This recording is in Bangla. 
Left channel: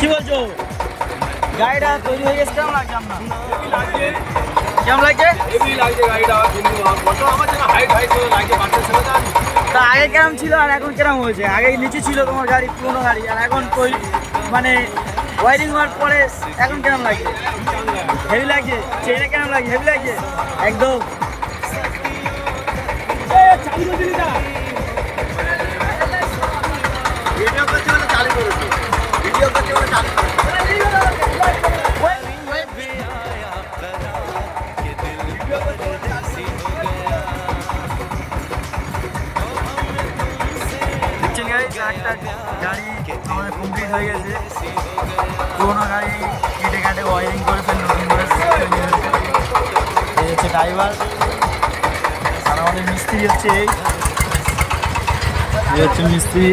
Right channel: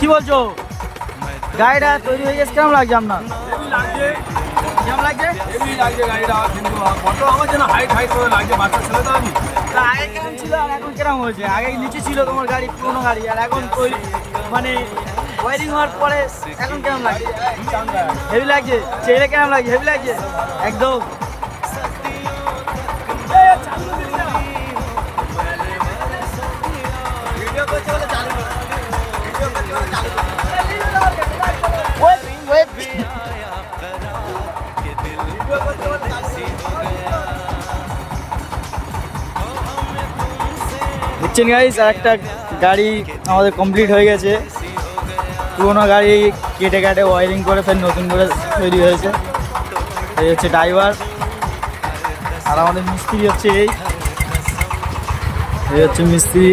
কি বলছো? গাড়িটা তৈরি হয়ে গেছে, কেমন লাগছে আপনার? কেমন লাগছে? হেভি লাগছে গাড়িটা, কিন্তু কত আমার যেন হাইট হাইট করে লাগছে, বাচ্চা ছেলে তো আমি। তা আগে কেমন ছিল আর এখন কেমন হয়েছে? আগে নিচে ছিল তোমার গাড়ি, পুরোনো গাড়ি, আর এখন তৈরি মানে ওয়ারিং হওয়ার পরে এখন কেমন লাগছে? হেভি লাগছে। ছেলে কেমন লাগছে? হেভি লাগছে একদম। দেখছেন গাইস, একটা গাড়ি আমাদের কমপ্লিট হয়ে গেছে। পুরোনো গাড়ি কেটে কাটে ওয়ারিং করে ফের নতুন করে তৈরি হয়েছে। এই হচ্ছে ড্রাইভার, আর আমাদের মিস্ত্রি হচ্ছে এই হচ্ছে মিস্ত্রি।